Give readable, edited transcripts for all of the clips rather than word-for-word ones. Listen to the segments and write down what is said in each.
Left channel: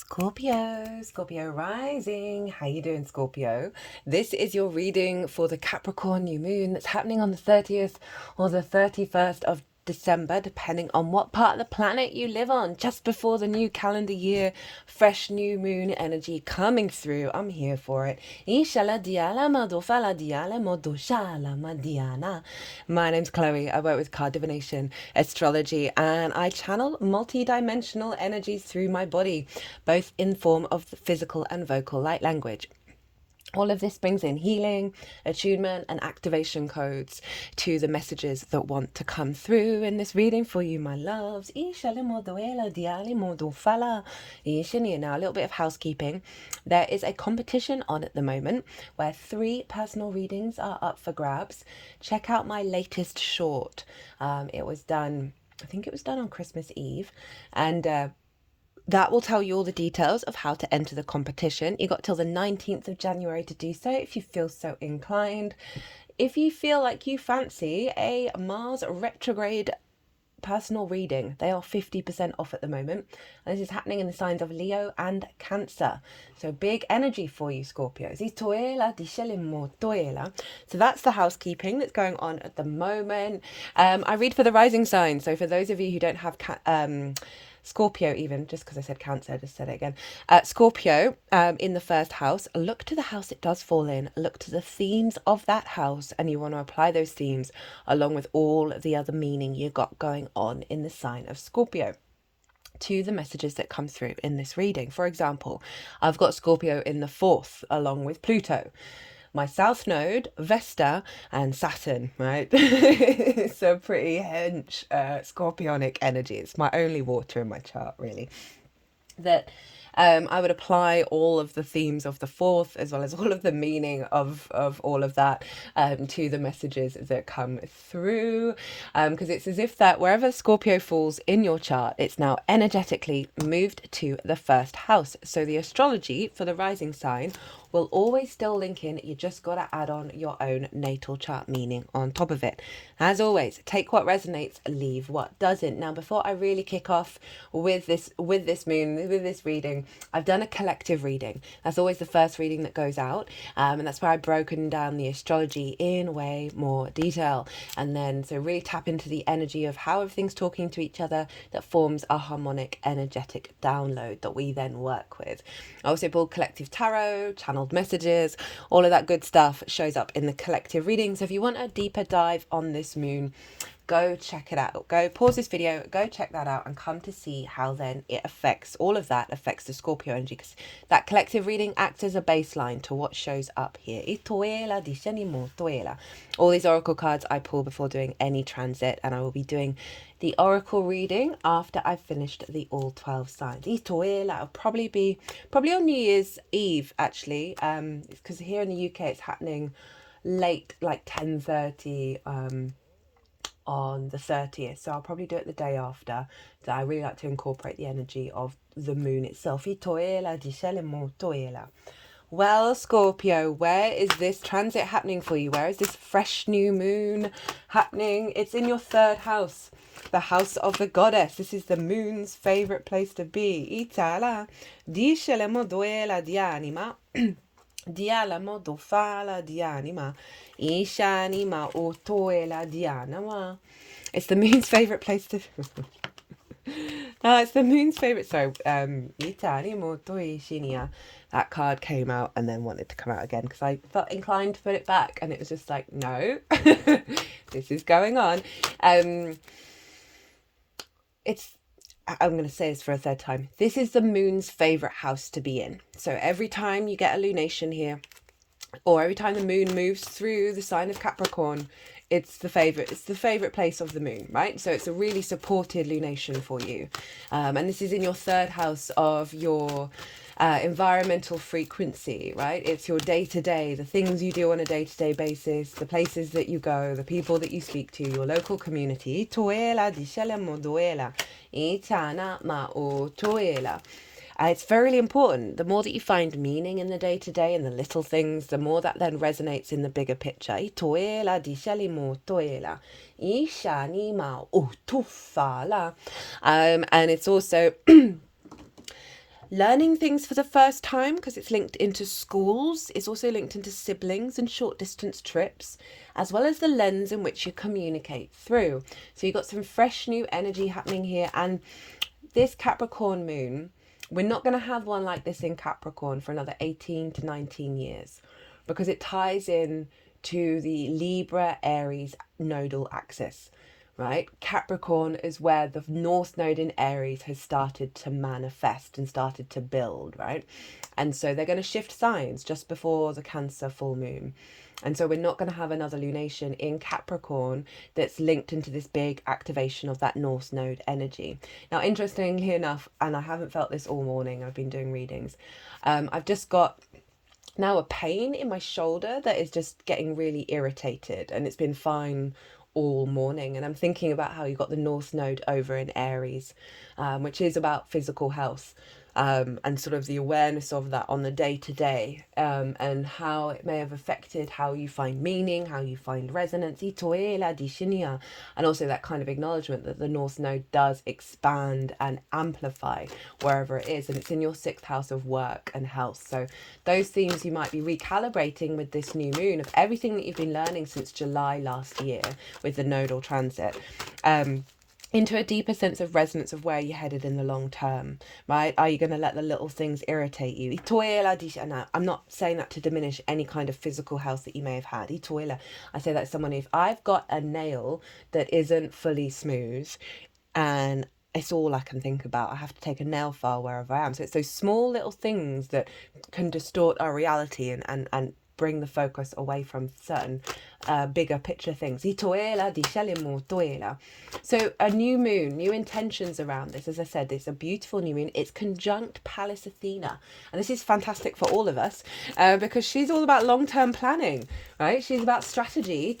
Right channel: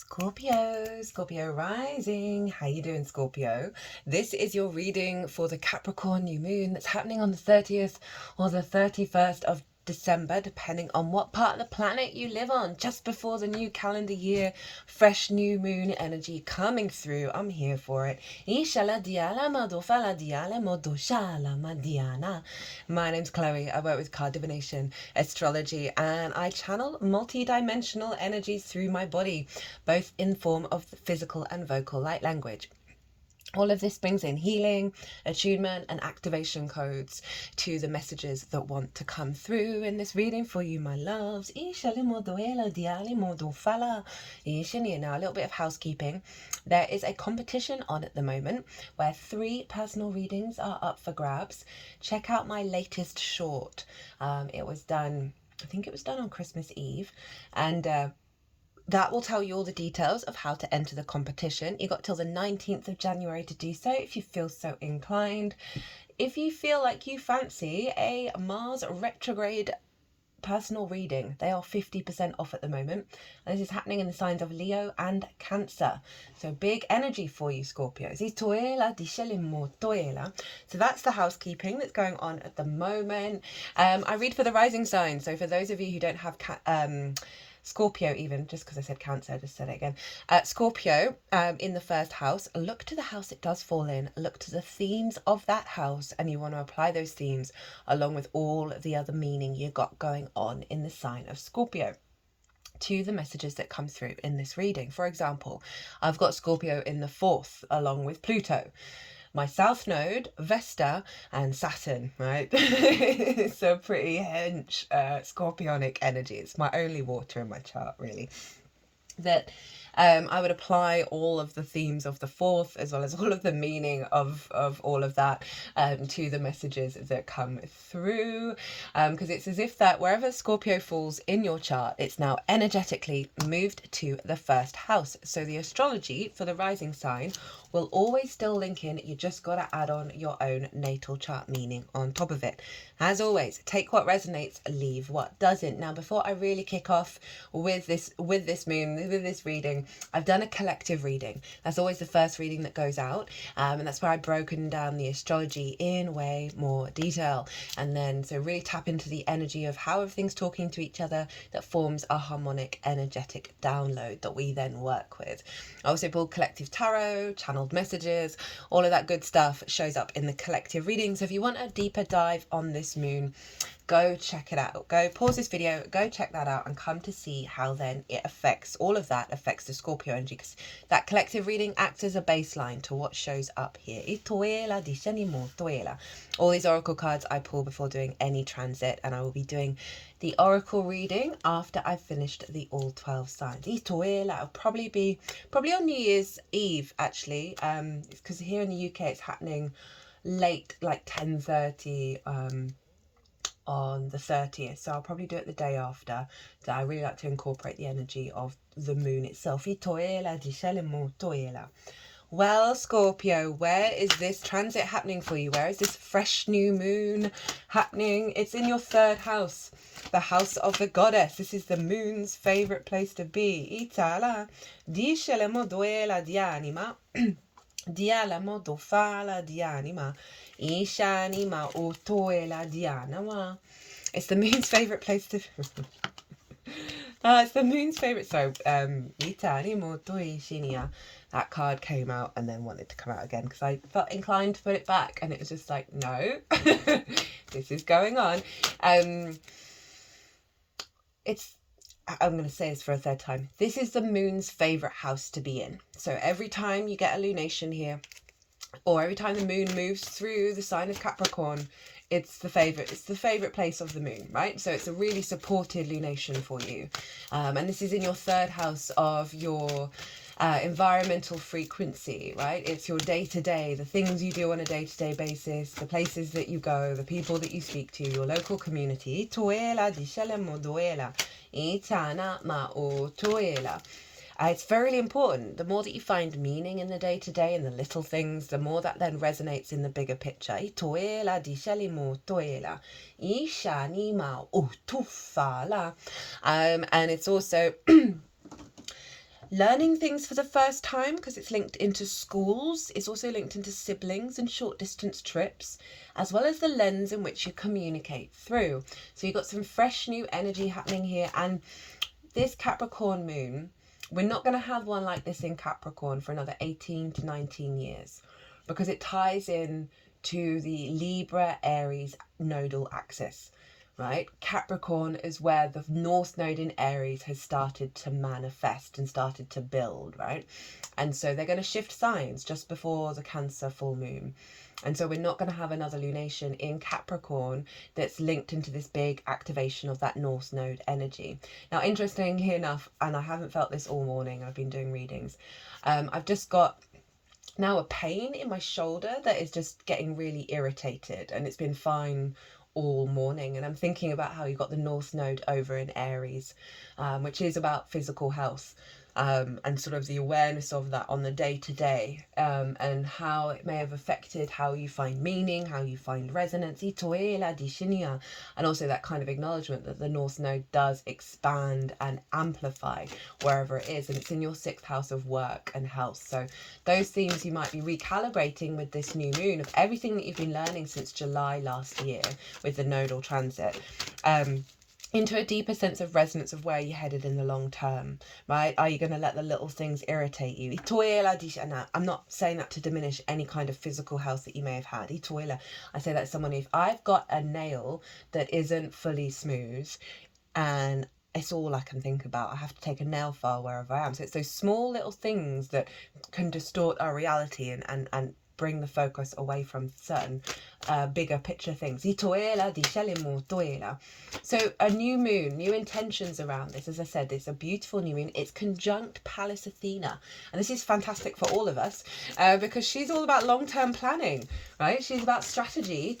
Scorpio rising. How you doing, Scorpio? This is your reading for the Capricorn new moon that's happening on the 30th or the 31st of December, depending on what part of the planet you live on. Just before the new calendar year, fresh new moon energy coming through. I'm here for it. My name's Chloe. I work with card divination, astrology, and I channel multi-dimensional energies through my body, both in form of the physical and vocal light language. All of this brings in healing, attunement, and activation codes to the messages that want to come through in this reading for you, my loves. Now, a little bit of housekeeping. There is a competition on at the moment where 3 personal readings are up for grabs. Check out my latest short. It was done, I think it was done on Christmas Eve, and that will tell you all the details of how to enter the competition. You got till the 19th of January to do so if you feel so inclined. If you feel like you fancy a Mars retrograde personal reading, they are 50% off at the moment. And this is happening in the signs of Leo and Cancer. So big energy for you, Scorpios. So that's the housekeeping that's going on at the moment. I read for the rising sign. So for those of you who don't have Scorpio, even just because I said Cancer, I just said it again. Scorpio, in the first house, look to the house it does fall in, look to the themes of that house, and you want to apply those themes along with all of the other meaning you got going on in the sign of Scorpio to the messages that come through in this reading. For example, I've got Scorpio in the 4th along with Pluto, my south node, Vesta, and Saturn, right? So pretty hench scorpionic energy. It's my only water in my chart, really. That I would apply all of the themes of the 4th as well as all of the meaning of all of that to the messages that come through, because it's as if that wherever Scorpio falls in your chart, it's now energetically moved to the 1st house. So the astrology for the rising sign will always still link in. You just got to add on your own natal chart meaning on top of it. As always, take what resonates, leave what doesn't. Now, before I really kick off with this reading, I've done a collective reading. That's always the first reading that goes out, and that's where I've broken down the astrology in way more detail. And then, so really tap into the energy of how everything's talking to each other that forms a harmonic, energetic download that we then work with. I also pulled collective tarot, channeled messages, all of that good stuff shows up in the collective reading. So if you want a deeper dive on this moon, go check it out. Go pause this video, go check that out, and come to see how then it affects, all of that affects the Scorpio energy, because that collective reading acts as a baseline to what shows up here. All these oracle cards I pull before doing any transit, and I will be doing the oracle reading after I've finished the all 12 signs. It'll probably be on New Year's Eve, actually, because here in the UK it's happening late, like 10:30 on the 30th, so I'll probably do it the day after. So I really like to incorporate the energy of the moon itself. Well, Scorpio, where is this transit happening for you? Where is this fresh new moon happening? It's in your 3rd house, the house of the goddess. This is the moon's favorite place to be. Itala, dice le moduela di anima, dia modo fala di anima, ishanima otoela di anima. It's the moon's favorite place to it's the moon's favorite. So, that card came out and then wanted to come out again because I felt inclined to put it back, and it was just like, no, this is going on. I'm going to say this for a 3rd time. This is the moon's favorite house to be in. So every time you get a lunation here, or every time the moon moves through the sign of Capricorn, it's the favorite place of the moon, right? So it's a really supported lunation for you. And this is in your 3rd house of your environmental frequency, right? It's your day-to-day, the things you do on a day-to-day basis, the places that you go, the people that you speak to, your local community. It's very important. The more that you find meaning in the day-to-day and the little things, the more that then resonates in the bigger picture. And it's also learning things for the first time because it's linked into schools. It's also linked into siblings and short distance trips, as well as the lens in which you communicate through. So you've got some fresh new energy happening here. And this Capricorn moon, we're not going to have one like this in Capricorn for another 18 to 19 years, because it ties in to the Libra Aries nodal axis. Right, Capricorn is where the North Node in Aries has started to manifest and started to build, right? And so they're going to shift signs just before the Cancer full moon. And so we're not going to have another lunation in Capricorn that's linked into this big activation of that North Node energy. Now, interestingly enough, and I haven't felt this all morning, I've been doing readings, I've just got now a pain in my shoulder that is just getting really irritated, and it's been fine all morning. And I'm thinking about how you got the North Node over in Aries, which is about physical health, and sort of the awareness of that on the day-to-day, and how it may have affected how you find meaning, how you find resonance, and also that kind of acknowledgement that the North Node does expand and amplify wherever it is, and it's in your 6th house of work and health. So those themes you might be recalibrating with this new moon of everything that you've been learning since July last year with the nodal transit, into a deeper sense of resonance of where you're headed in the long term, right? Are you going to let the little things irritate you? I'm not saying that to diminish any kind of physical health that you may have had. I say that as someone, if I've got a nail that isn't fully smooth and it's all I can think about, I have to take a nail file wherever I am. So it's those small little things that can distort our reality and bring the focus away from certain bigger picture things. So a new moon, new intentions around this. As I said, it's a beautiful new moon. It's conjunct Pallas Athena. And this is fantastic for all of us because she's all about long-term planning, right? She's about strategy,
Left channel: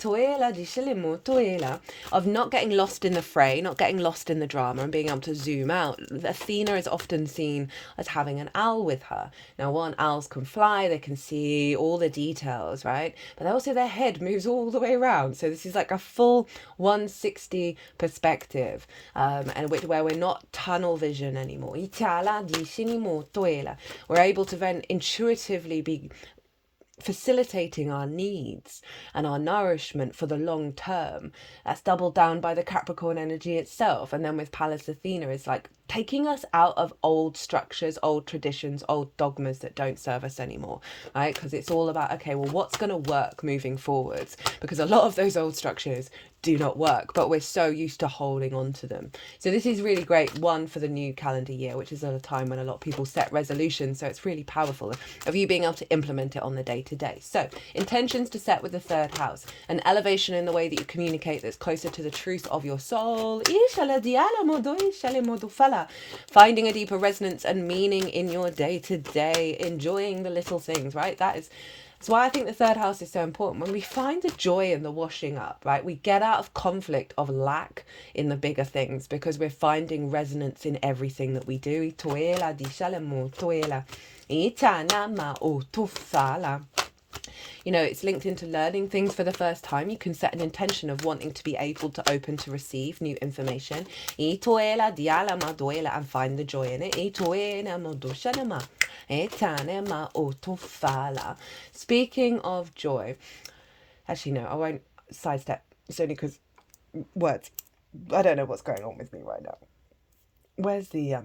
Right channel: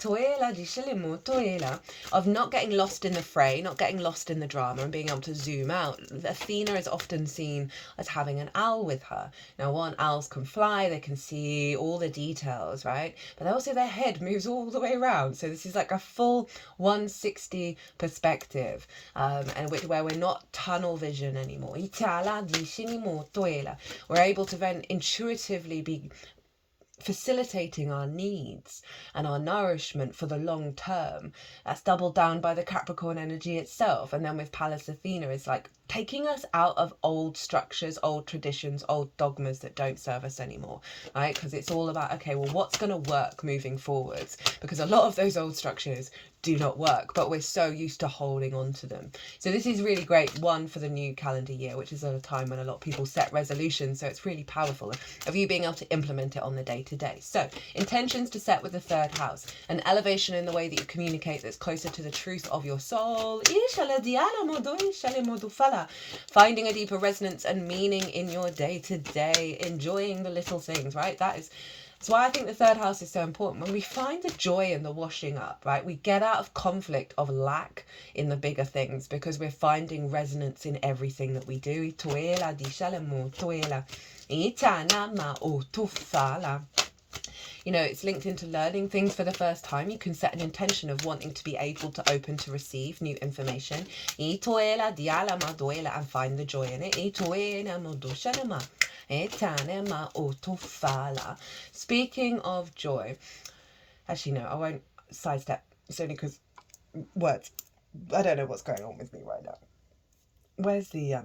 of not getting lost in the fray, not getting lost in the drama, and being able to zoom out. Athena is often seen as having an owl with her. Now, owls can fly, they can see all the details, right? But also their head moves all the way around. So this is like a full 160 perspective, and where we're not tunnel vision anymore. We're able to then intuitively be facilitating our needs and our nourishment for the long term. That's doubled down by the Capricorn energy itself. And then with Pallas Athena, it's like taking us out of old structures, old traditions, old dogmas that don't serve us anymore, right? Because it's all about, okay, well, what's going to work moving forwards? Because a lot of those old structures do not work, but we're so used to holding on to them. So this is really great, one, for the new calendar year, which is a time when a lot of people set resolutions. So it's really powerful of you being able to implement it on the day-to-day. So intentions to set with the 3rd house, an elevation in the way that you communicate that's closer to the truth of your soul, finding a deeper resonance and meaning in your day-to-day, enjoying the little things, right? That's why I think the 3rd house is so important. When we find the joy in the washing up, right, we get out of conflict of lack in the bigger things because we're finding resonance in everything that we do. You know, it's linked into learning things for the first time. You can set an intention of wanting to be able to open to receive new information. And find the joy in it. Speaking of joy, actually no, I won't sidestep. It's only because words. I don't know what's going on with me right now. Where's the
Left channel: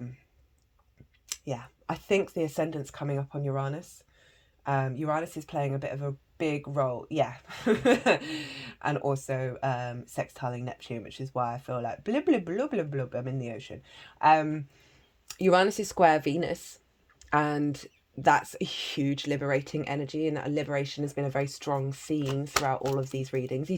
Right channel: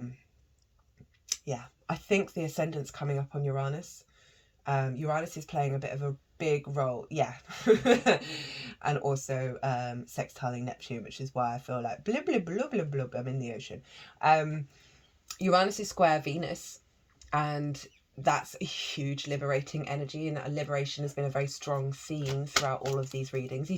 I think the ascendant's coming up on Uranus. Uranus is playing a bit of a big role, and also sextiling Neptune, which is why I feel like blub blub blub blub blub, I'm in the ocean. Uranus is square Venus, and that's a huge liberating energy, and that liberation has been a very strong theme throughout all of these readings.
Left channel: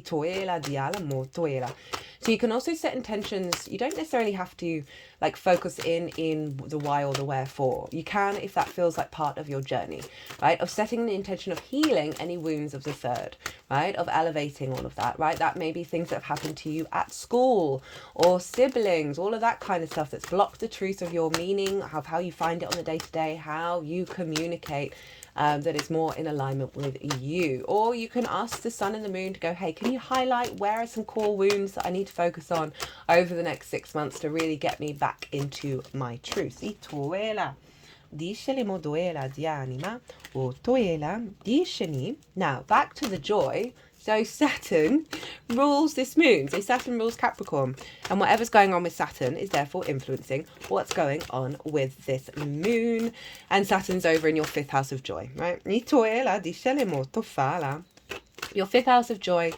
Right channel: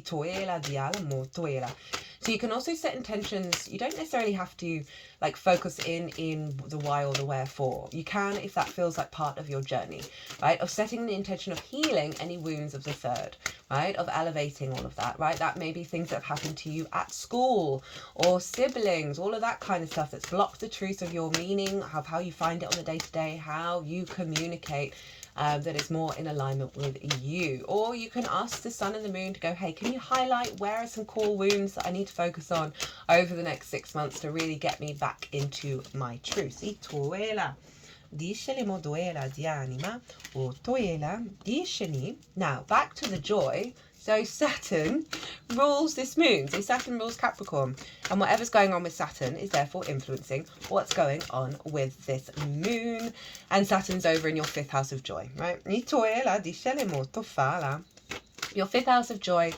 So you can also set intentions. You don't necessarily have to like focus in the why or the wherefore. You can, if that feels like part of your journey, right? Of setting the intention of healing any wounds of the 3rd, right? Of elevating all of that, right? That may be things that have happened to you at school or siblings, all of that kind of stuff that's blocked the truth of your meaning, of how you find it on the day-to-day, how you communicate, that is more in alignment with you. Or you can ask the sun and the moon to go, hey, can you highlight where are some core wounds that I need to focus on over the next 6 months to really get me back into my truth? Dice le moduela di anima, or toela di shani. Now, back to the joy. So Saturn rules this moon. So Saturn rules Capricorn. And whatever's going on with Saturn is therefore influencing what's going on with this moon. And Saturn's over in your 5th house of joy, right? Your 5th house of joy.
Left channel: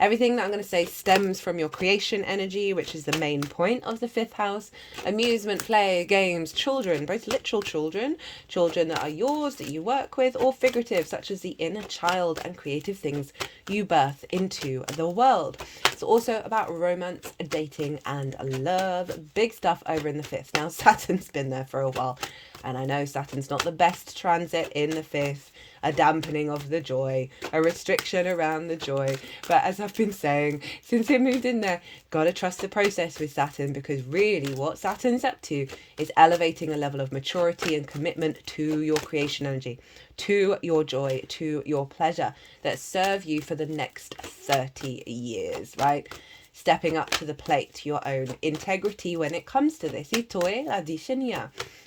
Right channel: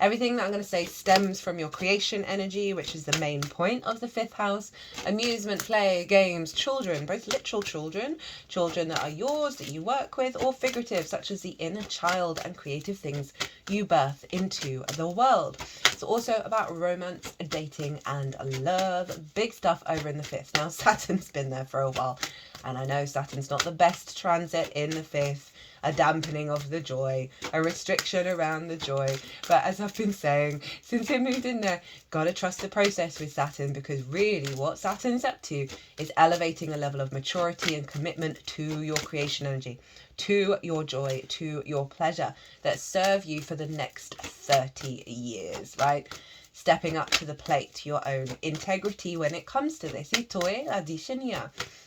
Everything that I'm going to say stems from your creation energy, which is the main point of the 5th house. Amusement, play, games, children, both literal children, children that are yours, that you work with, or figurative, such as the inner child and creative things you birth into the world. It's also about romance, dating, and love. Big stuff over in the 5th. Now, Saturn's been there for a while, and I know Saturn's not the best transit in the 5th. A dampening of the joy, a restriction around the joy. But as I've been saying, since it moved in there, gotta trust the process with Saturn, because really what Saturn's up to is elevating a level of maturity and commitment to your creation energy, to your joy, to your pleasure that serve you for the next 30 years, right? Stepping up to the plate, your own integrity when it comes to this.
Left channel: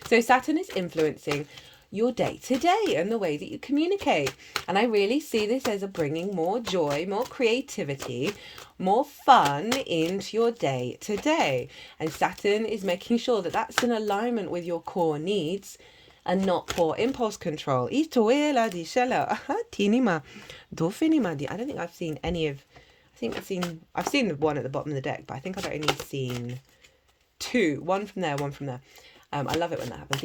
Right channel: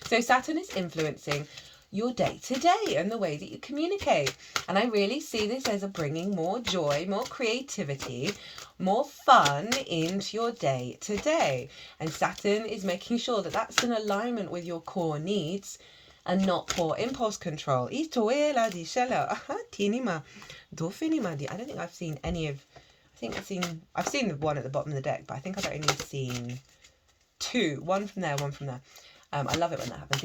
So Saturn is influencing your day-to-day and the way that you communicate. And I really see this as a bringing more joy, more creativity, more fun into your day-to-day. And Saturn is making sure that that's in alignment with your core needs and not poor impulse control. I don't think I've seen any of... I've seen the one at the bottom of the deck, but I think I've only seen 2. One from there, one from there. I love it when that happens.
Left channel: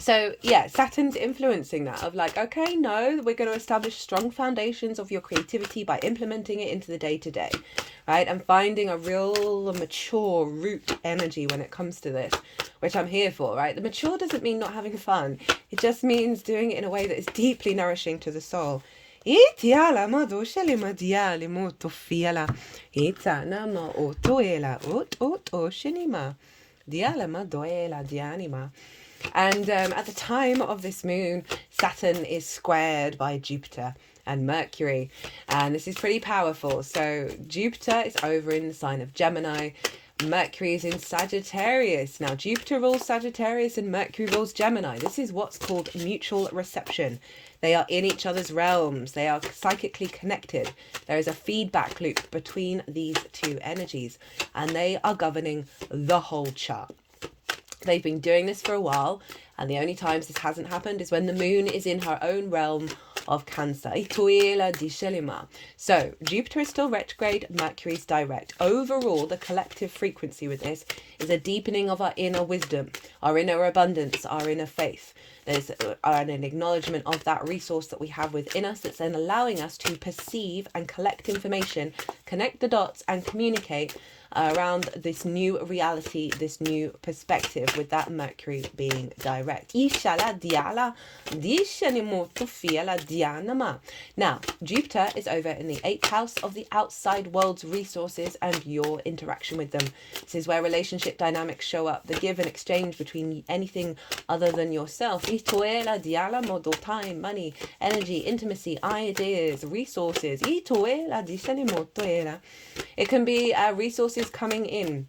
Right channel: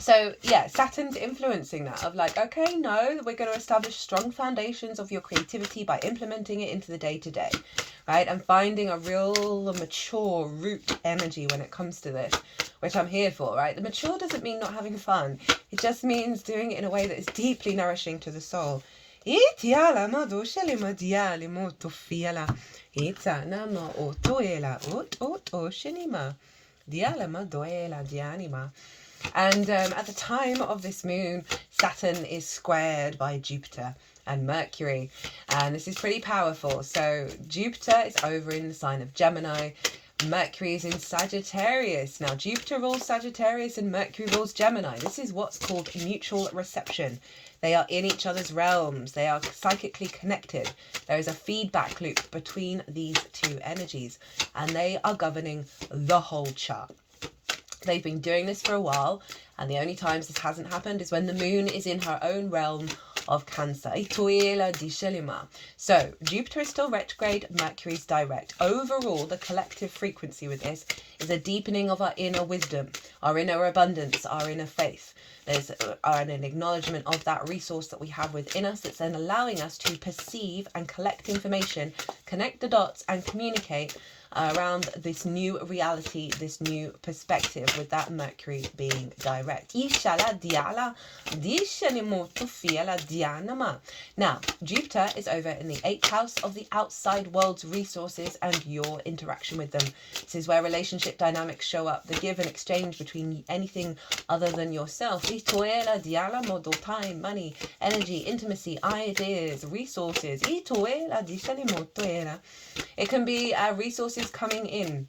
So yeah, Saturn's influencing that of like, okay, no, we're going to establish strong foundations of your creativity by implementing it into the day-to-day, right? And finding a real mature root energy when it comes to this, which I'm here for, right? The mature doesn't mean not having fun. It just means doing it in a way that is deeply nourishing to the soul. And at the time of this moon, Saturn is squared by Jupiter and Mercury, and this is pretty powerful. So Jupiter is over in the sign of Gemini, Mercury is in Sagittarius. Now Jupiter rules Sagittarius and Mercury rules Gemini. This is what's called mutual reception. They are in each other's realms. They are psychically connected. There is a feedback loop between these two energies, and they are governing the whole chart. They've been doing this for a while, and the only times this hasn't happened is when the moon is in her own realm of Cancer. So Jupiter is still retrograde, Mercury is direct. Overall, the collective frequency with this is a deepening of our inner wisdom, our inner abundance, our inner faith. There's an acknowledgement of that resource that we have within us that's then allowing us to perceive and collect information, connect the dots and communicate around this new reality, this new perspective, with that Mercury being direct. Now, Jupiter is over in the 8th house of the outside world's resources and your interaction with them. This is where relationship dynamics show up, the give and exchange between anything other than yourself. Time, money, energy, intimacy, ideas, resources. It can be resources coming in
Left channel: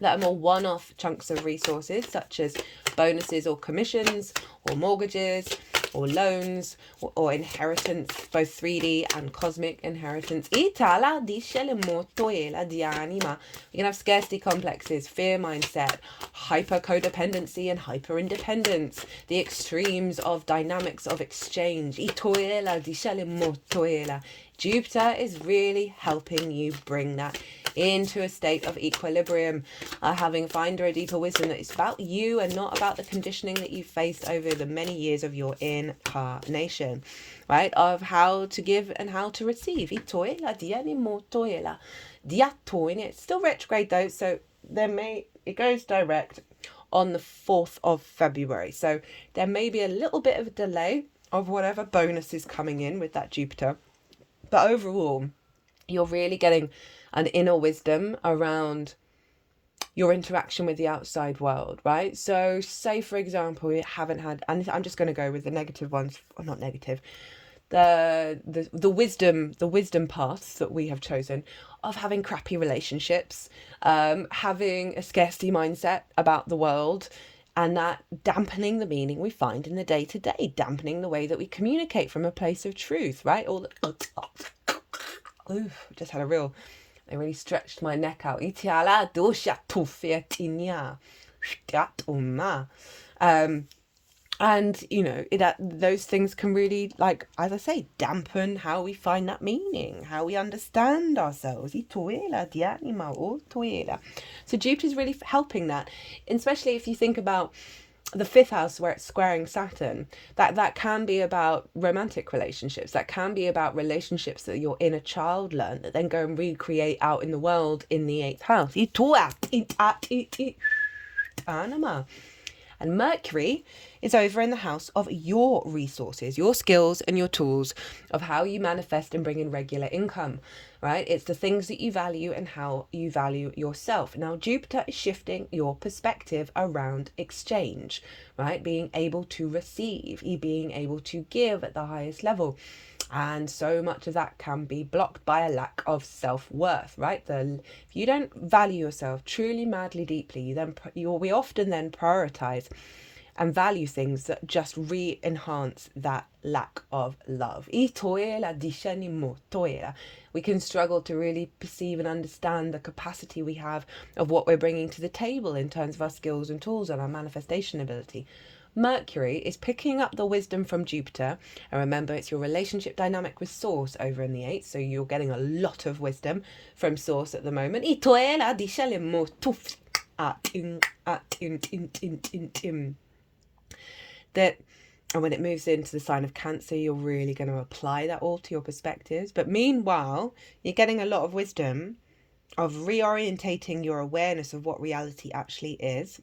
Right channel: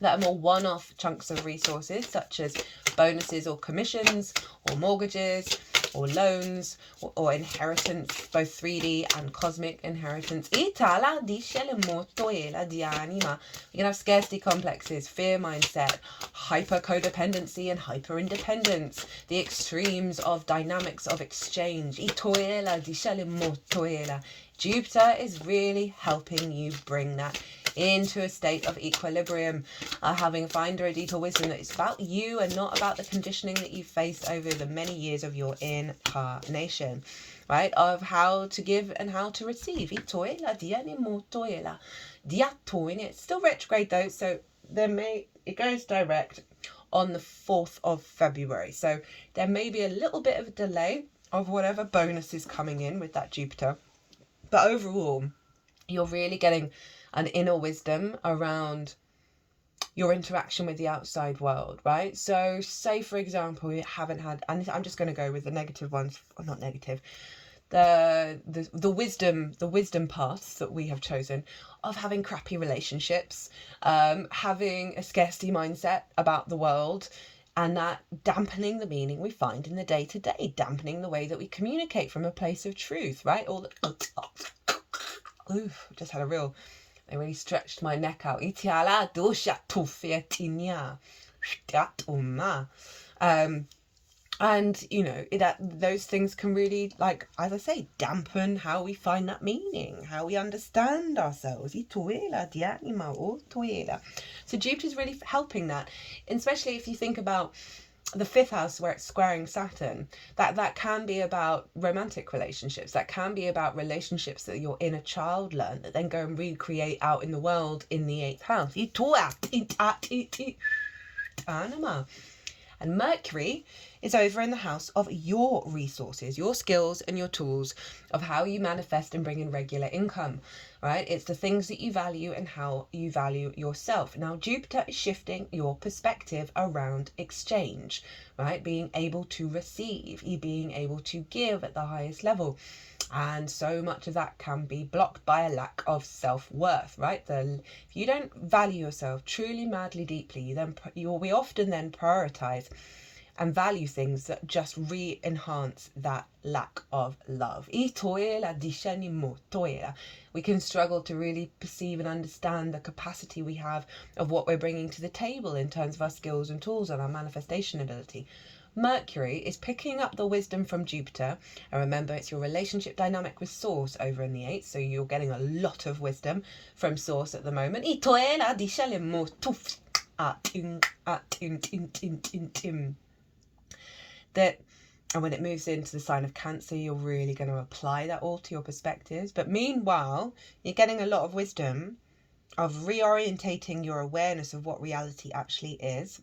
that are more one-off chunks of resources, such as bonuses or commissions or mortgages or loans or inheritance, both 3D and cosmic inheritance. We can have scarcity complexes, fear mindset, hyper codependency and hyper independence, the extremes of dynamics of exchange. Jupiter is really helping you bring that into a state of equilibrium, find a deeper wisdom that it's about you and not about the conditioning that you faced over the many years of your incarnation, right? Of how to give and how to receive. It's still retrograde though, so it goes direct on the 4th of February. So there may be a little bit of a delay of whatever bonus is coming in with that Jupiter. But overall, you're really getting an inner wisdom around your interaction with the outside world, right? So say, for example, we haven't had, and I'm just going to go with the negative ones, or not negative, the wisdom paths that we have chosen of having crappy relationships, having a scarcity mindset about the world, and that dampening the meaning we find in the day-to-day, dampening the way that we communicate from a place of truth, right? All the oof, just had a real, I really stretched my neck out. And you know, those things can really, like, as I say, dampen how we find that meaning, how we understand ourselves. So Jupiter's really helping that, especially if you think about the fifth house where it's squaring Saturn. That can be about romantic relationships. That can be about relationships that your inner child learned that then go and recreate out in the world in the eighth house. And Mercury is over in the house of your resources, your skills and your tools, of how you manifest and bring in regular income, right? It's the things that you value and how you value yourself. Now, Jupiter is shifting your perspective around exchange, right? Being able to receive, being able to give at the highest level. And so much of that can be blocked by a lack of self-worth, right? If you don't value yourself truly, madly, deeply, we often then prioritize and value things that just re-enhance that lack of love. We can struggle to really perceive and understand the capacity we have of what we're bringing to the table in terms of our skills and tools and our manifestation ability. Mercury is picking up the wisdom from Jupiter, and remember, it's your relationship dynamic with Source over in the 8th, so you're getting a lot of wisdom from Source at the moment. And when it moves into the sign of Cancer, you're really going to apply that all to your perspectives. But meanwhile, you're getting a lot of wisdom of reorientating your awareness of what reality actually is.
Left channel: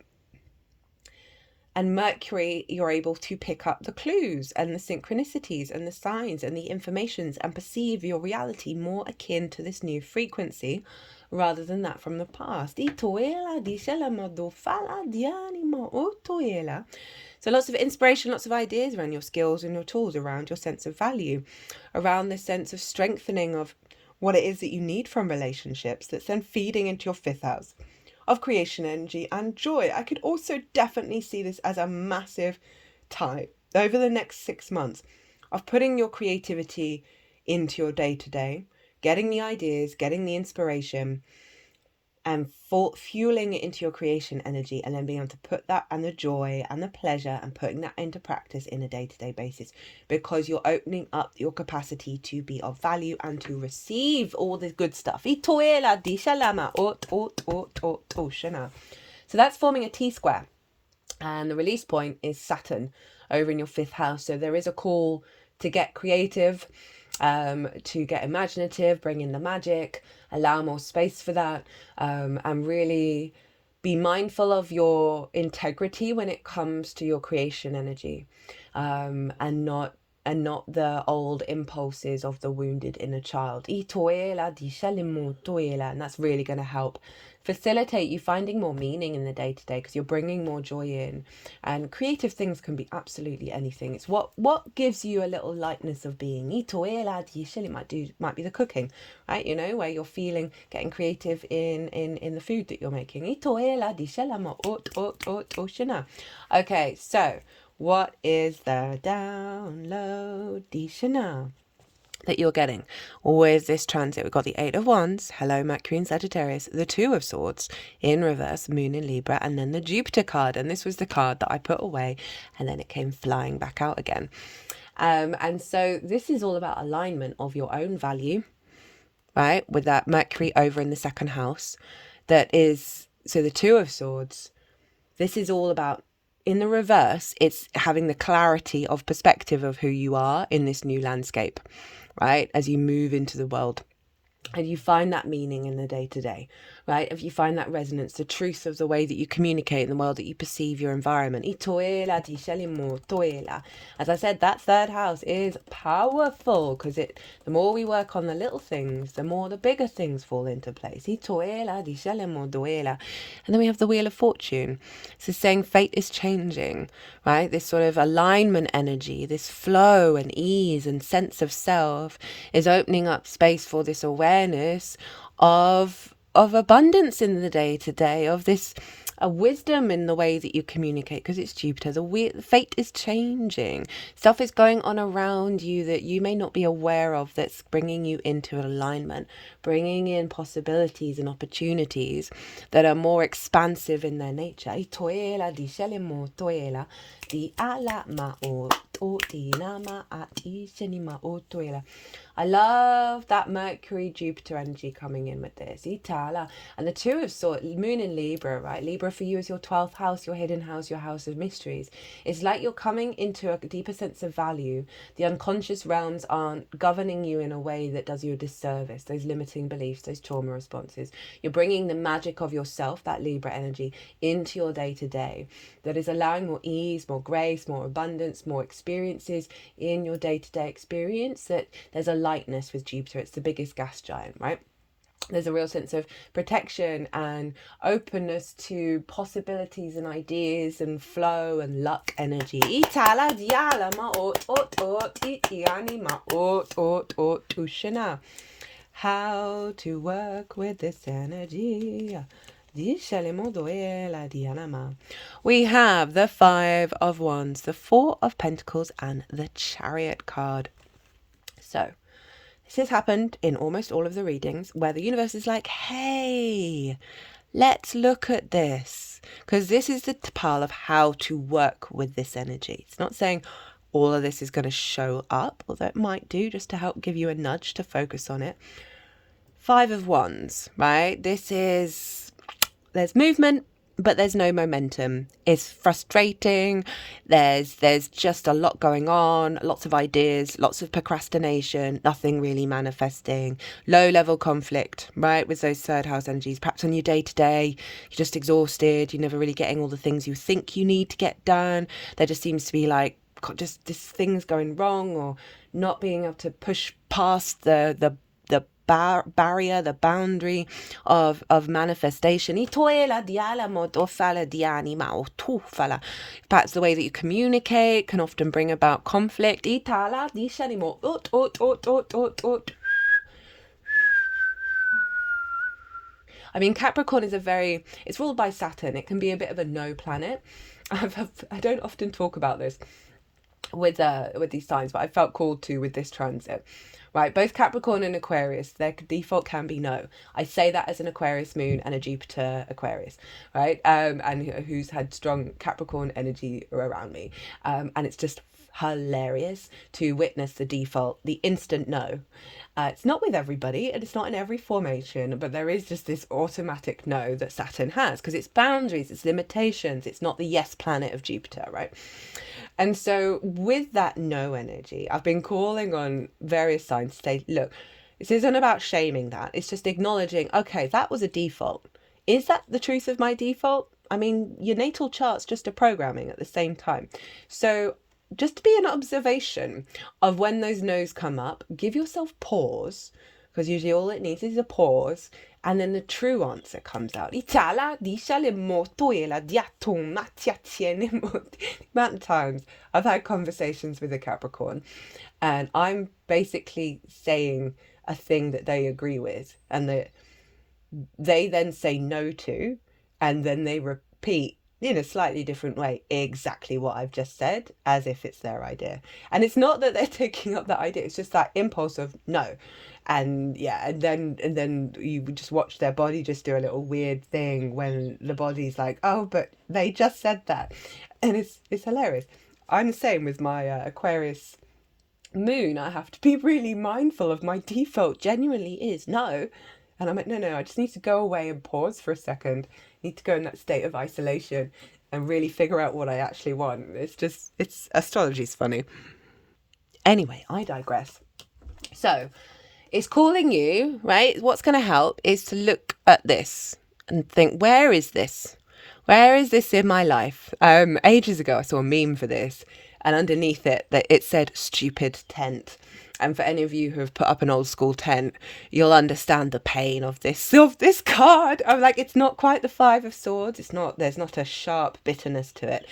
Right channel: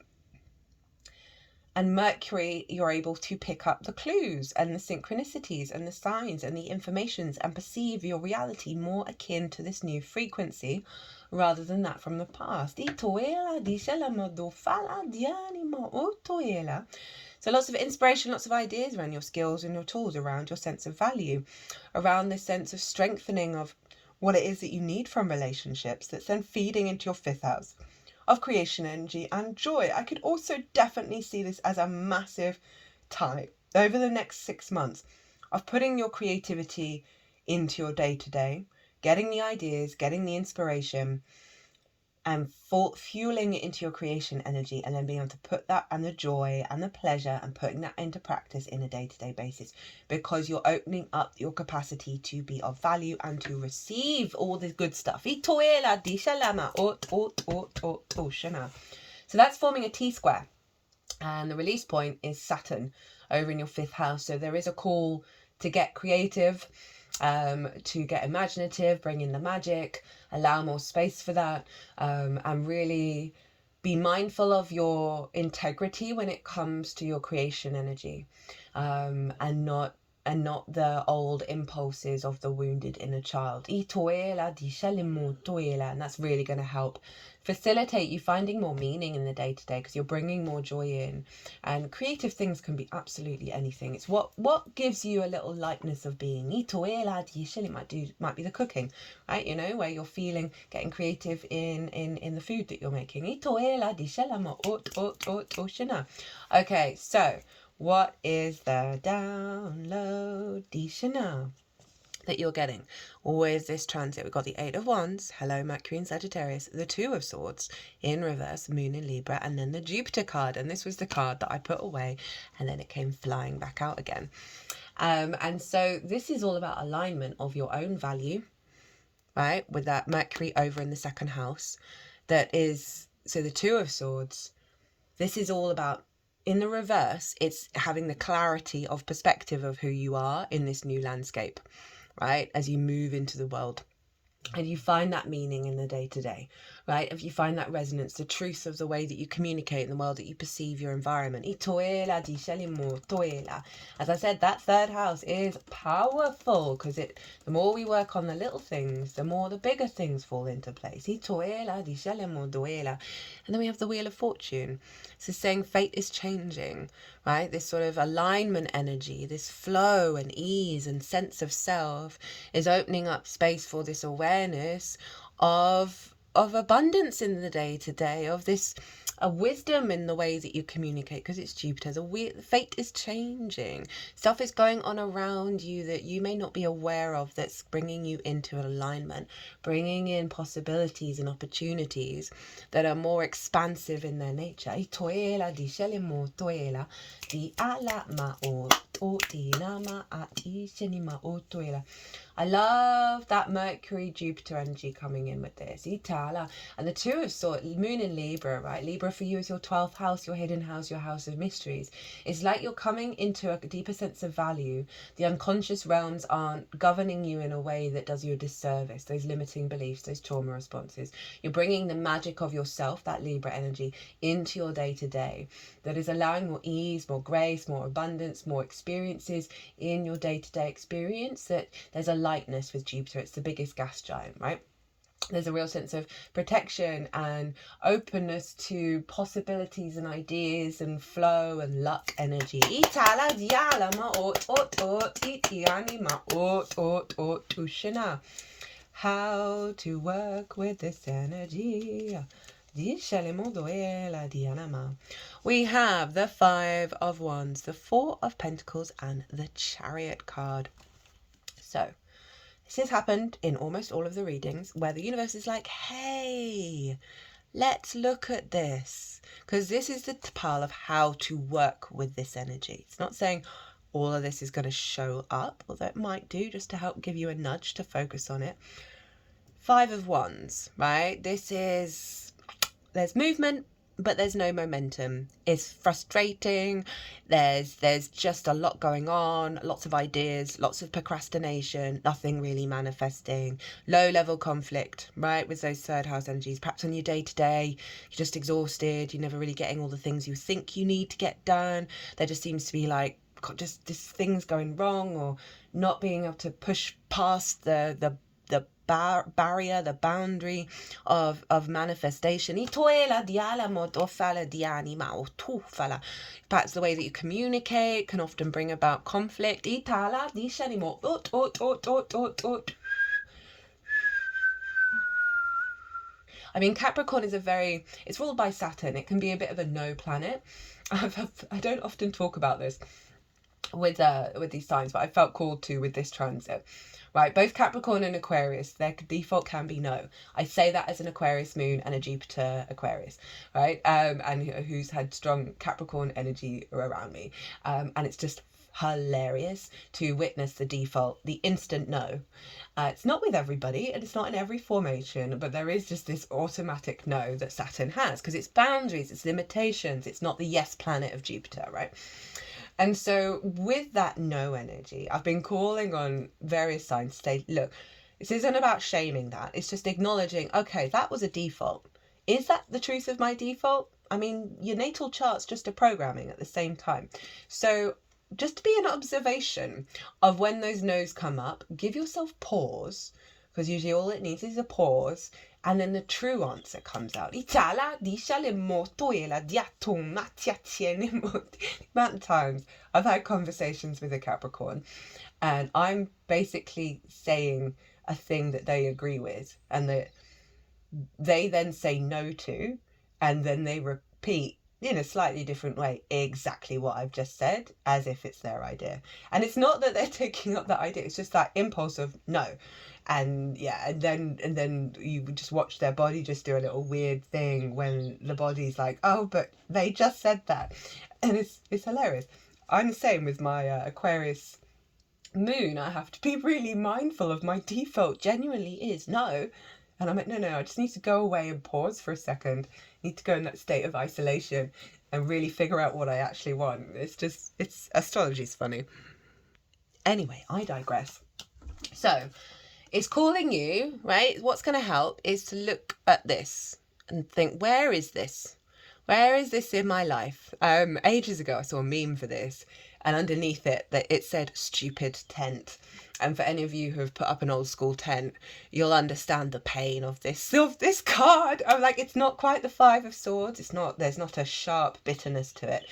And Mercury, you're able to pick up the clues and the synchronicities and the signs and the informations and perceive your reality more akin to this new frequency rather than that from the past. So lots of inspiration, lots of ideas around your skills and your tools, around your sense of value, around this sense of strengthening of what it is that you need from relationships that's then feeding into your 5th house of creation energy and joy. I could also definitely see this as a massive time over the next 6 months of putting your creativity into your day-to-day, getting the ideas, getting the inspiration, and fueling it into your creation energy, and then being able to put that and the joy and the pleasure and putting that into practice in a day-to-day basis, because you're opening up your capacity to be of value and to receive all the good stuff. So that's forming a T-square, and the release point is Saturn over in your 5th house. So there is a call to get creative, to get imaginative, bring in the magic, allow more space for that, and really be mindful of your integrity when it comes to your creation energy, and not the old impulses of the wounded inner child. And that's really going to help facilitate you finding more meaning in the day-to-day, because you're bringing more joy in. And creative things can be absolutely anything. It's what gives you a little lightness of being. It might be the cooking, right? You know, where you're feeling, getting creative in the food that you're making. Okay, so what is the download that you're getting with this transit? We've got the 8 of Wands, hello Mercury in Sagittarius, the 2 of Swords in reverse, Moon in Libra, and then the Jupiter card. And this was the card that I put away, and then it came flying back out again. And so this is all about alignment of your own value, right? With that Mercury over in the 2nd house. That is, so the 2 of Swords, this is all about, in the reverse, it's having the clarity of perspective of who you are in this new landscape, right? As you move into the world and you find that meaning in the day-to-day, right? If you find that resonance, the truth of the way that you communicate in the world, that you perceive your environment. As I said, that third house is powerful because the more we work on the little things, the more the bigger things fall into place. And then we have the Wheel of Fortune. So saying fate is changing, right? This sort of alignment energy, this flow and ease and sense of self is opening up space for this awareness of abundance in the day-to-day, of this a wisdom in the way that you communicate, because it's Jupiter. The fate is changing. Stuff is going on around you that you may not be aware of, that's bringing you into alignment, bringing in possibilities and opportunities that are more expansive in their nature. I love that Mercury Jupiter energy coming in with this. And the two of swords, moon in Libra, right? Libra for you is your 12th house, your hidden house, your house of mysteries. It's like you're coming into a deeper sense of value. The unconscious realms aren't governing you in a way that does you a disservice. Those limiting beliefs, those trauma responses. You're bringing the magic of yourself, that Libra energy, into your day-to-day. That is allowing more ease, more grace, more abundance, more experiences in your day-to-day experience. That there's a lightness with Jupiter. It's the biggest gas giant, right? There's a real sense of protection and openness to possibilities and ideas and flow and luck energy. How to work with this energy. We have the Five of Wands, the Four of Pentacles, and the Chariot card. So this has happened in almost all of the readings where the universe is like, hey, let's look at this. Because this is the pile of how to work with this energy. It's not saying all of this is going to show up, although it might do, just to help give you a nudge to focus on it. Five of Wands, right? There's movement, but there's no momentum. It's frustrating. There's just a lot going on, lots of ideas, lots of procrastination, nothing really manifesting, low level conflict, right? With those third house energies, perhaps on your day to day, you're just exhausted. You're never really getting all the things you think you need to get done. There just seems to be like just this things going wrong, or not being able to push past the barrier, the boundary of manifestation. Perhaps the way that you communicate can often bring about conflict. I mean, Capricorn is it's ruled by Saturn. It can be a bit of a no planet. I don't often talk about this with these signs, but I felt called to with this transit. Right, both Capricorn and Aquarius, their default can be no. I say that as an Aquarius moon and a Jupiter Aquarius, right? And who's had strong Capricorn energy around me. And it's just hilarious to witness the default, the instant no. It's not with everybody, and it's not in every formation, but there is just this automatic no that Saturn has, because it's boundaries, it's limitations, it's not the yes planet of Jupiter, right? And so with that no energy, I've been calling on various signs to say, look, this isn't about shaming that. It's just acknowledging, okay, that was a default. Is that the truth of my default? I mean, your natal chart's just a programming at the same time. So just to be an observation of when those no's come up, give yourself pause, because usually all it needs is a pause, and then the true answer comes out. The amount of times I've had conversations with a Capricorn, and I'm basically saying a thing that they agree with, and that they then say no to, and then they repeat in a slightly different way exactly what I've just said, as if it's their idea. And it's not that they're taking up that idea, it's just that impulse of no. And yeah, and then you just watch their body just do a little weird thing when the body's like, oh, but they just said that. And it's hilarious. I'm the same with my Aquarius moon. I have to be really mindful of my default genuinely is no. And I'm like, no, I just need to go away and pause for a second. I need to go in that state of isolation and really figure out what I actually want. Astrology's funny. Anyway, I digress. So, It's calling you, right? What's going to help is to look at this and think, where is this? Where is this in my life? Ages ago, I saw a meme for this, and underneath it, that it said "stupid tent." And for any of you who have put up an old school tent, you'll understand the pain of this card. I'm like, it's not quite the Five of Swords. It's not. There's not a sharp bitterness to it.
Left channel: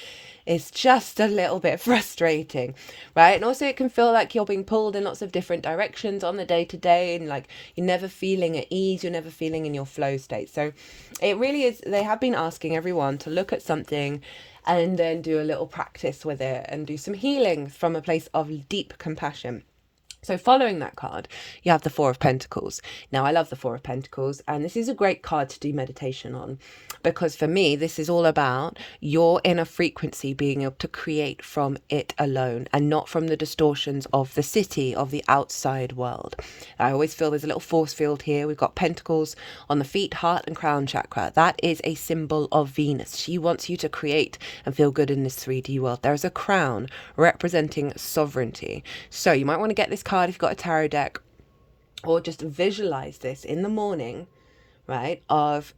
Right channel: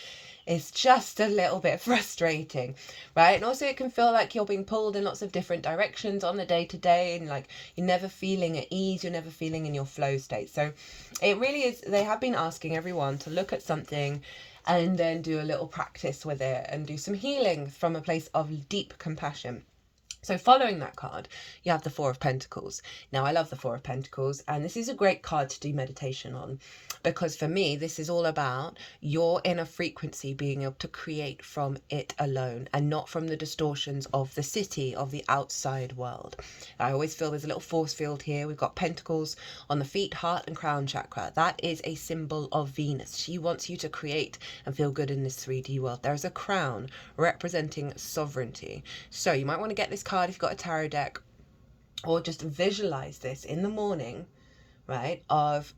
It's just a little bit frustrating, right? And also it can feel like you're being pulled in lots of different directions on the day to day, and like you're never feeling at ease, you're never feeling in your flow state. So it really is, they have been asking everyone to look at something and then do a little practice with it and do some healing from a place of deep compassion. So following that card, you have the Four of Pentacles. Now, I love the Four of Pentacles, and this is a great card to do meditation on, because for me, this is all about your inner frequency being able to create from it alone and not from the distortions of the city, of the outside world. I always feel there's a little force field here. We've got pentacles on the feet, heart, and crown chakra. That is a symbol of Venus. She wants you to create and feel good in this 3D world. There is a crown representing sovereignty. So you might want to get this card if you've got a tarot deck, or just visualize this in the morning, right, of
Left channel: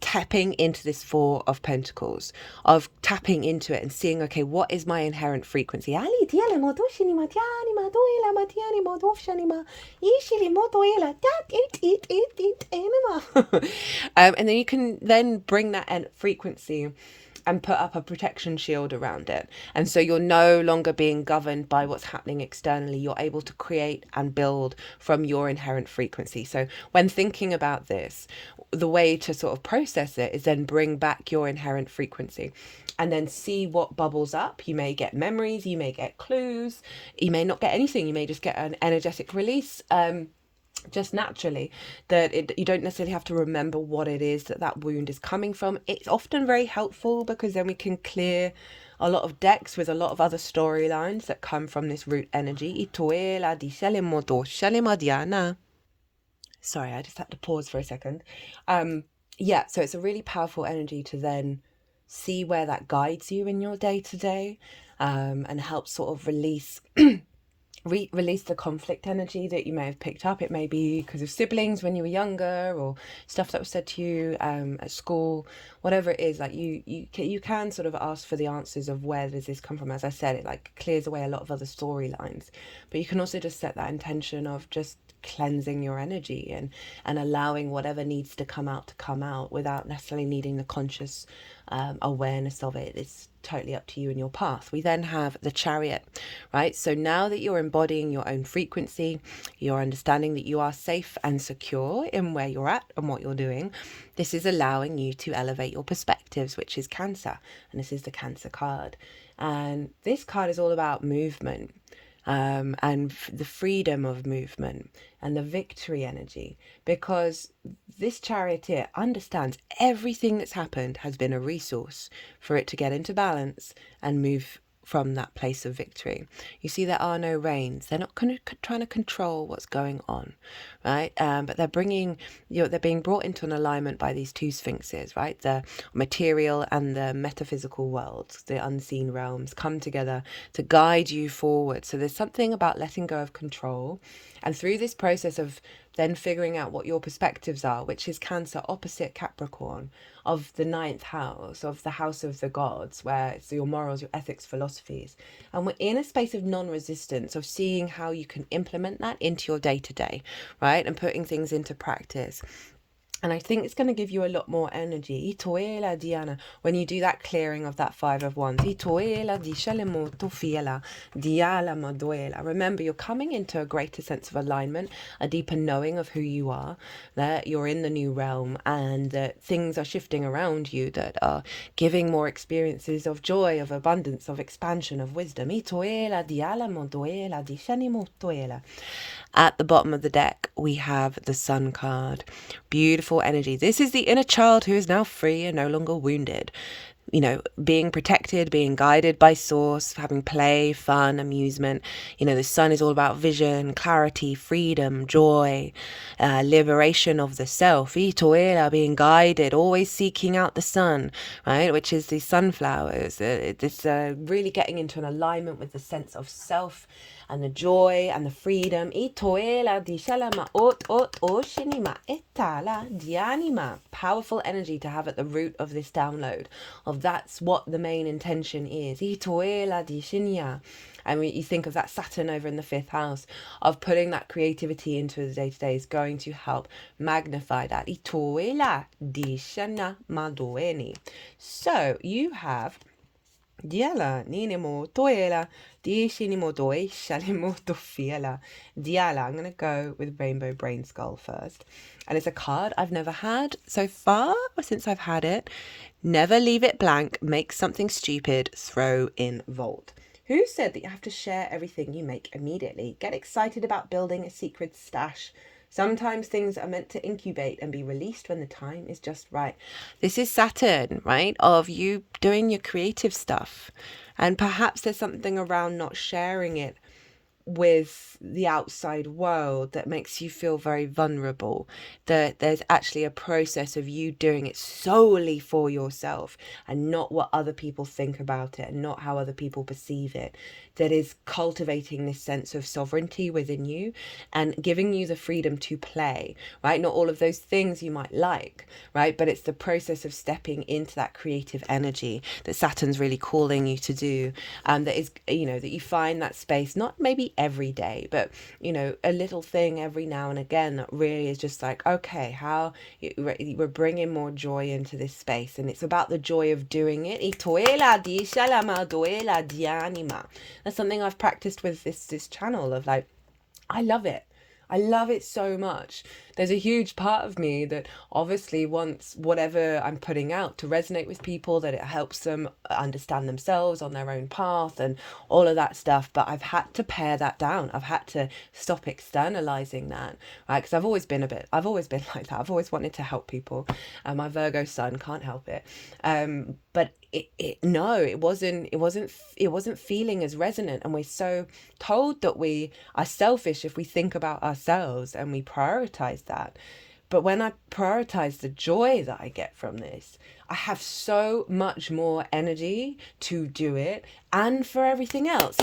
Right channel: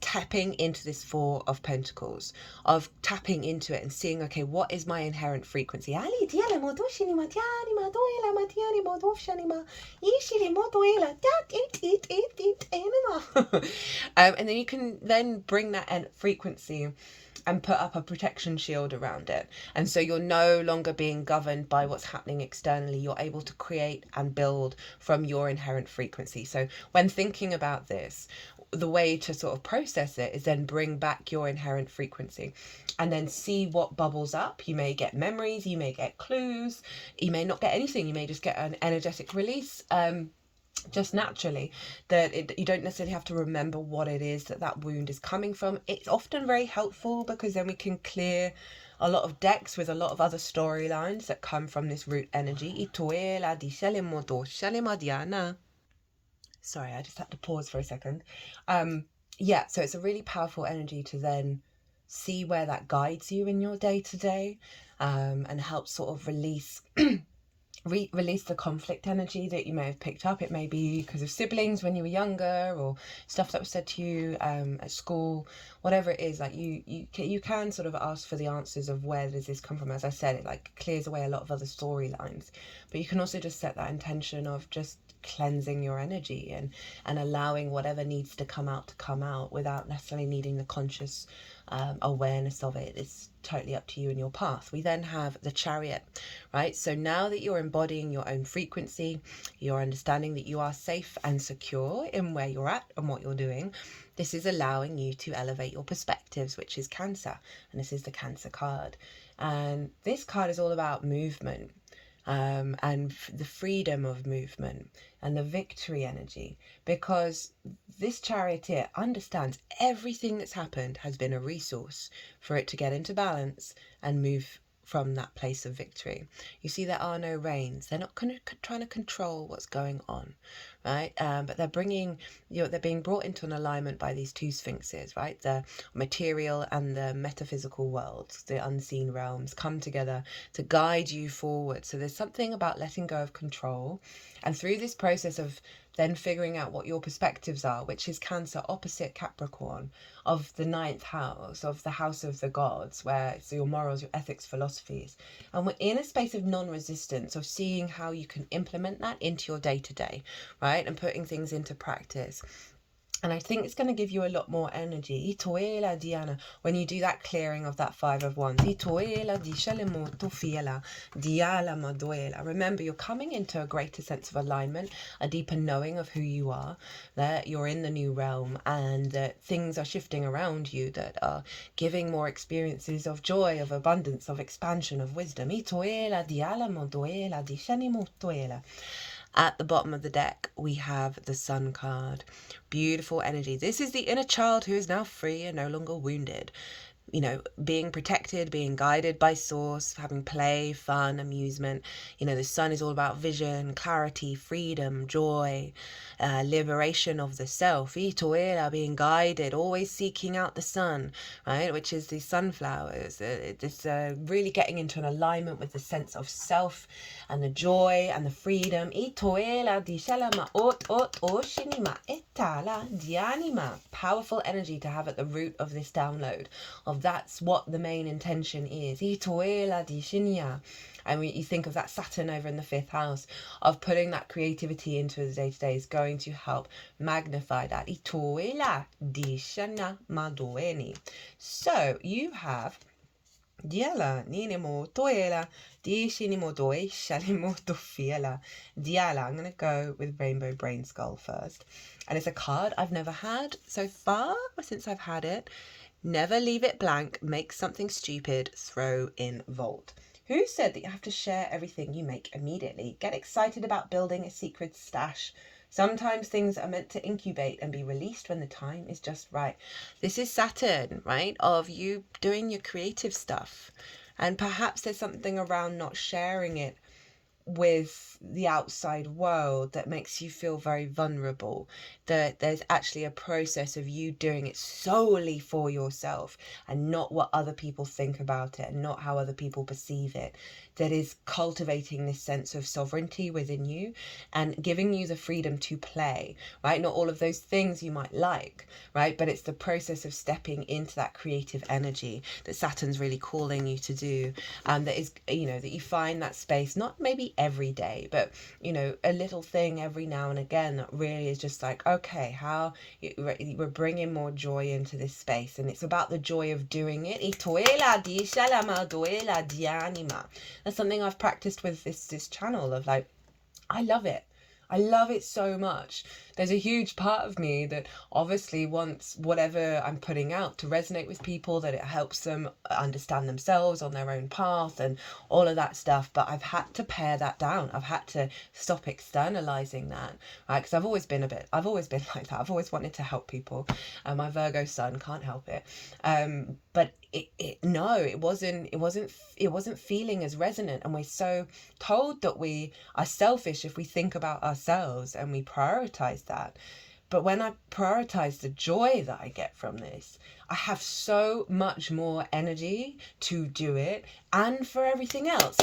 tapping into this Four of Pentacles, of tapping into it and seeing, okay, what is my inherent frequency? And then you can then bring that frequency and put up a protection shield around it. And so you're no longer being governed by what's happening externally. You're able to create and build from your inherent frequency. So when thinking about this, the way to sort of process it is then bring back your inherent frequency and then see what bubbles up. You may get memories, you may get clues, you may not get anything. You may just get an energetic release, just naturally, that you don't necessarily have to remember what it is that wound is coming from. It's often very helpful because then we can clear a lot of decks with a lot of other storylines that come from this root energy. Sorry, I just had to pause for a second. Yeah, so it's a really powerful energy to then see where that guides you in your day to day, and help sort of release release the conflict energy that you may have picked up. It may be because of siblings when you were younger, or stuff that was said to you at school, whatever it is. Like you can sort of ask for the answers of where does this come from. As I said, it like clears away a lot of other storylines, but you can also just set that intention of just cleansing your energy and allowing whatever needs to come out without necessarily needing the conscious awareness of it. It's totally up to you and your path. We then have the Chariot, right? So now that you're embodying your own frequency, you're understanding that you are safe and secure in where you're at and what you're doing. This is allowing you to elevate your perspectives, which is Cancer, and this is the Cancer card. And this card is all about movement, and the freedom of movement and the victory energy, because this charioteer understands everything that's happened has been a resource for it to get into balance and move from that place of victory. You see, there are no reins. They're not trying to control what's going on, right? But they're they're being brought into an alignment by these two sphinxes, right? The material and the metaphysical worlds, the unseen realms, come together to guide you forward. So there's something about letting go of control, and through this process of then figuring out what your perspectives are, which is Cancer opposite Capricorn, of the 9th house, of the house of the gods, where it's your morals, your ethics, philosophies. And we're in a space of non-resistance, of seeing how you can implement that into your day-to-day, right? And putting things into practice. And I think it's going to give you a lot more energy. Itoela Diana, when you do that clearing of that 5 of Wands. Itoela di shelemoto fiela, diala maduela. Remember, you're coming into a greater sense of alignment, a deeper knowing of who you are, that you're in the new realm, and that things are shifting around you that are giving more experiences of joy, of abundance, of expansion, of wisdom. Itoela diala maduela di shenimotoela. At the bottom of the deck, we have the Sun card. Beautiful energy. This is the inner child who is now free and no longer wounded. being protected, being guided by source, having play, fun, amusement. The sun is all about vision, clarity, freedom, joy, liberation of the self. Itoela, being guided, always seeking out the sun, right? Which is the sunflowers. It's really getting into an alignment with the sense of self and the joy and the freedom. Itoela di shalama ot oshinima etala dianima. Powerful energy to have at the root of this download. Of that's what the main intention is. Itoela di shinya. And you think of that Saturn over in the 5th house, of putting that creativity into the day-to-day is going to help magnify that. Itoela di shana madoeni. So you have Diala ninimo toela di shinimo doi shalimo dofiela. Diala. I'm gonna go with Rainbow Brainskull first. And it's a card I've never had so far since I've had it. Never leave it blank, make something stupid, throw in vault. Who said that you have to share everything you make immediately? Get excited about building a secret stash. Sometimes things are meant to incubate and be released when the time is just right. This is Saturn, right? Of you doing your creative stuff. And perhaps there's something around not sharing it with the outside world that makes you feel very vulnerable, that there's actually a process of you doing it solely for yourself and not what other people think about it and not how other people perceive it, that is cultivating this sense of sovereignty within you and giving you the freedom to play, right? Not all of those things you might like, right? But it's the process of stepping into that creative energy that Saturn's really calling you to do, that is, that you find that space, not maybe every day, but a little thing every now and again that really is just like, okay, how we're bringing more joy into this space. And it's about the joy of doing it. That's something I've practiced with this channel of like, I love it. I love it so much. There's a huge part of me that obviously wants whatever I'm putting out to resonate with people, that it helps them understand themselves on their own path and all of that stuff. But I've had to pare that down. I've had to stop externalizing that, right? Because I've always been like that. I've always wanted to help people. My Virgo sun can't help it. But it wasn't feeling as resonant, and we're so told that we are selfish if we think about ourselves and we prioritize that. But when I prioritize the joy that I get from this, I have so much more energy to do it and for everything else.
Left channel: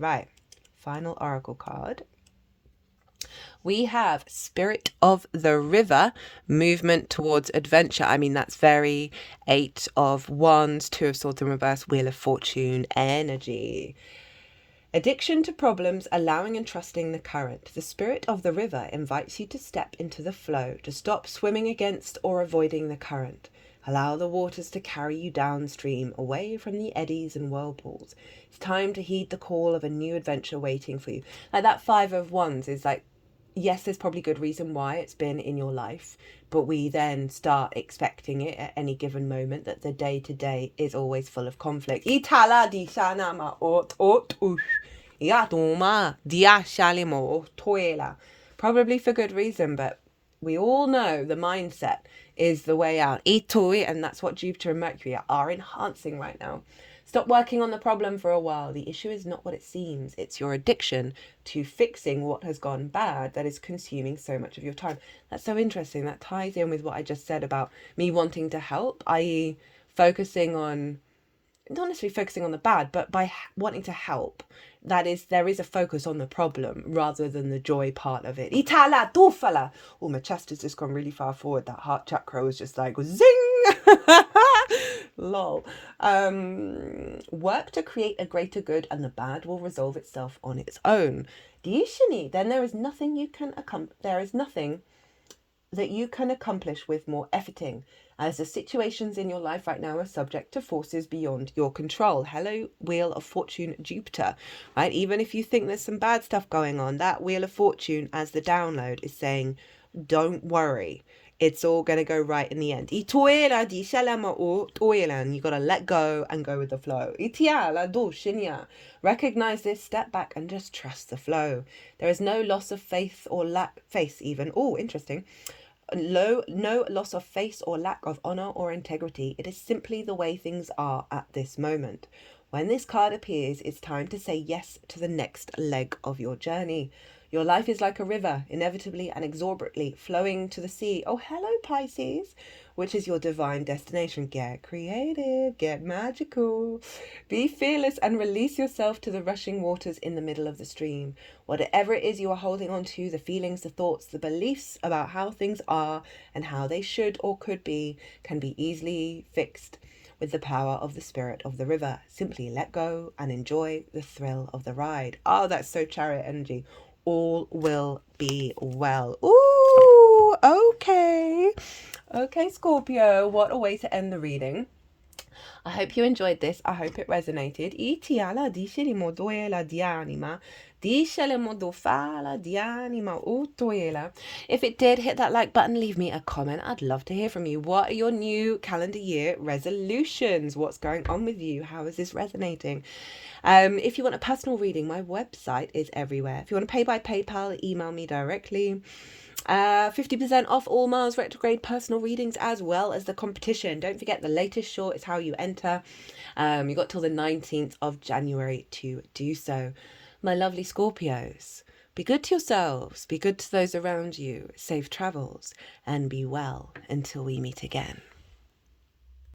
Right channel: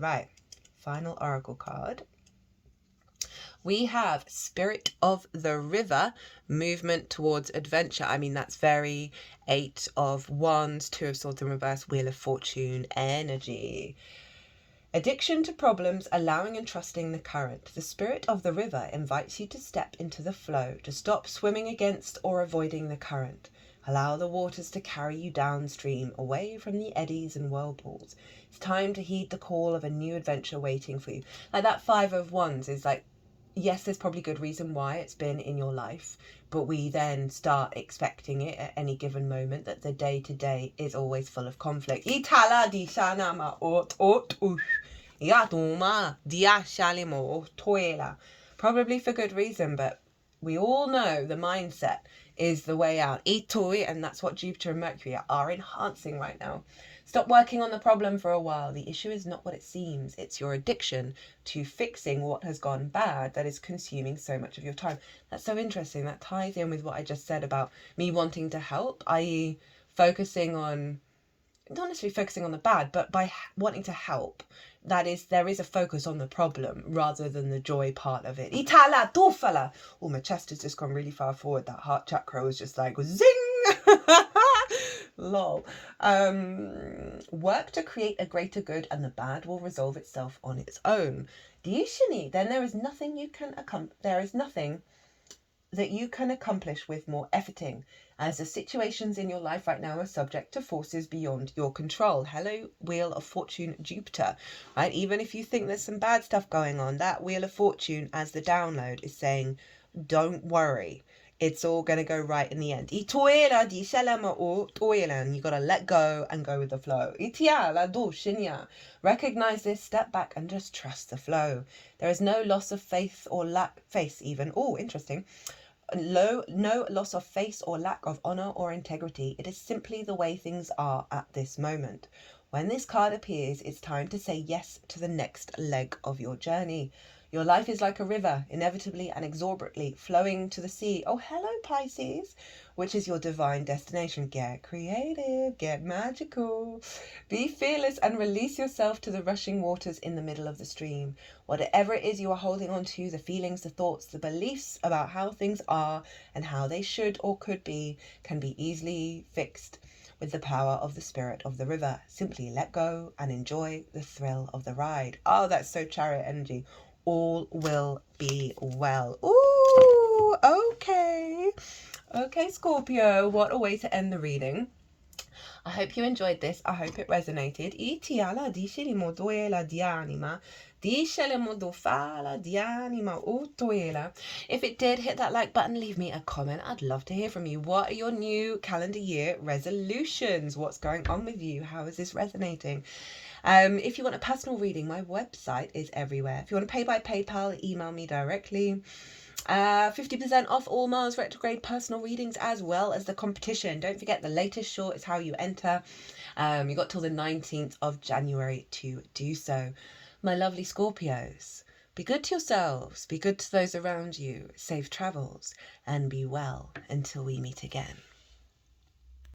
Right, final oracle card. We have Spirit of the River, movement towards adventure. I mean, that's very 8 of Wands, 2 of Swords in reverse, Wheel of Fortune energy. Addiction to problems, allowing and trusting the current. The Spirit of the River invites you to step into the flow, to stop swimming against or avoiding the current. Allow the waters to carry you downstream, away from the eddies and whirlpools. It's time to heed the call of a new adventure waiting for you. Like that 5 of Wands is like, yes, there's probably good reason why it's been in your life, but we then start expecting it at any given moment, that the day-to-day is always full of conflict. Probably for good reason, but we all know the mindset is the way out. And that's what Jupiter and Mercury are enhancing right now. Stop working on the problem for a while. The issue is not what it seems. It's your addiction to fixing what has gone bad that is consuming so much of your time. That's so interesting. That ties in with what I just said about me wanting to help, i.e. focusing on, not necessarily focusing on the bad, but by wanting to help. That is, there is a focus on the problem rather than the joy part of it. Itala, tufala. Oh, my chest has just gone really far forward. That heart chakra was just like, zing! Lol. Work to create a greater good and the bad will resolve itself on its own. Diishini, then there is nothing that you can accomplish with more efforting, as the situations in your life right now are subject to forces beyond your control. Hello, Wheel of Fortune, Jupiter, right? Even if you think there's some bad stuff going on, that Wheel of Fortune as the download is saying, don't worry. It's all going to go right in the end. I toela di shalama o toela. You got to let go and go with the flow. Itiala do shinya. Recognize this, step back and just trust the flow. There is no loss of faith or faith even. Oh, interesting. No loss of face or lack of honor or integrity. It is simply the way things are at this moment. When this card appears, it's time to say yes to the next leg of your journey. Your life is like a river, inevitably and exorbitantly flowing to the sea. Oh, hello, Pisces, which is your divine destination. Get creative, get magical. Be fearless and release yourself to the rushing waters in the middle of the stream. Whatever it is you are holding on to, the feelings, the thoughts, the beliefs about how things are and how they should or could be, can be easily fixed with the power of the spirit of the river. Simply let go and enjoy the thrill of the ride. Oh, that's so chariot energy. All will be well. Ooh, okay. Okay, Scorpio, what a way to end the reading. I hope you enjoyed this. I hope it resonated. If it did, hit that like button, leave me a comment. I'd love to hear from you. What are your new calendar year resolutions? What's going on with you? How is this resonating? If you want a personal reading, my website is everywhere. If you want to pay by PayPal, email me directly. 50% off all Mars retrograde personal readings as well as the competition. Don't forget, the latest short is how you enter. You got till the 19th of January to do so. My lovely Scorpios, be good to yourselves, be good to those around you, safe travels, and be well until we meet again.